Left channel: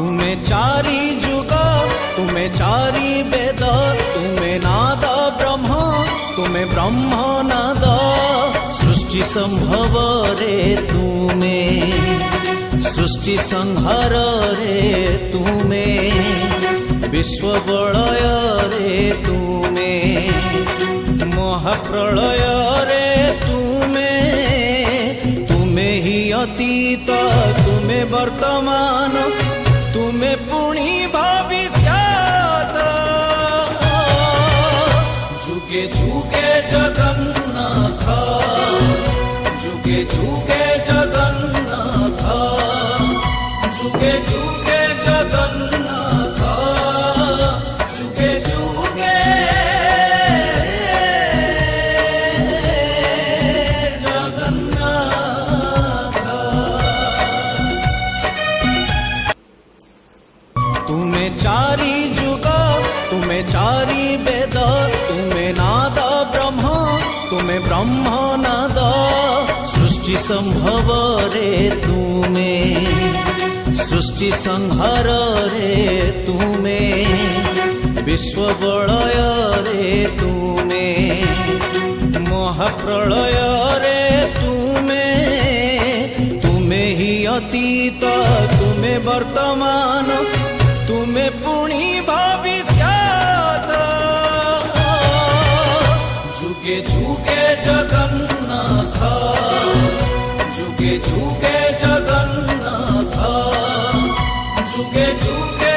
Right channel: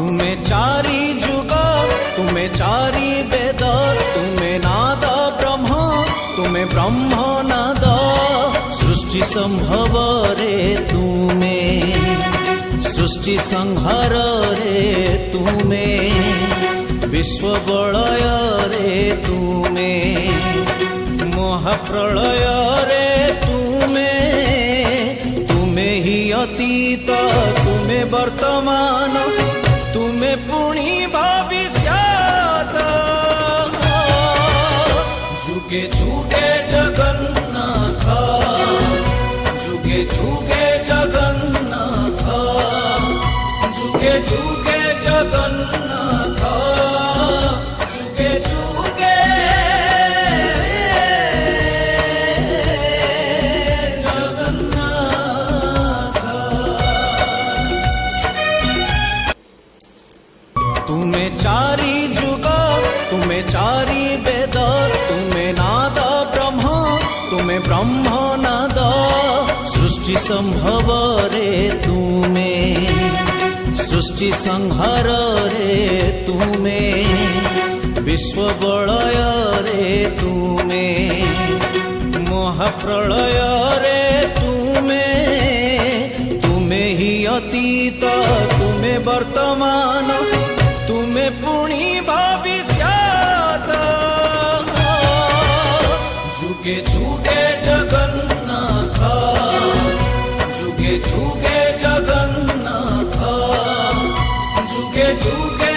तुमे चारि जुग तुमे चारि वेद तुमे नाद ब्रह्म तुमे ब्रह्म नाद सृष्टि संभव रे तुमे सृष्टि संहार रे तुमे विश्व बलय रे तुमे महाप्रलय रे तुमे तुमे ही अतीत तुमे वर्तमान तुमे पुणी भविष्यत जुगे जुगे जगन्नाथ जुगे जुगे जगन्नाथ जुगे जुगे जगन्नाथ जुगे जुगे जगन्नाथ। तुमे चारि जुग तुमे चारि वेद तुमे नाद ब्रह्म तुमे ब्रह्म नाद सृष्टि संभव रे तुमे सृष्टि संहार रे तुमे विश्व बलय रे तुमे महाप्रलय रे तुमे तुमे ही अतीत तुमे वर्तमान तुमे पुणी भविष्यत जुगे जुगे जगन्नाथ जुगे जुगे जगन्नाथ जुगे जुगे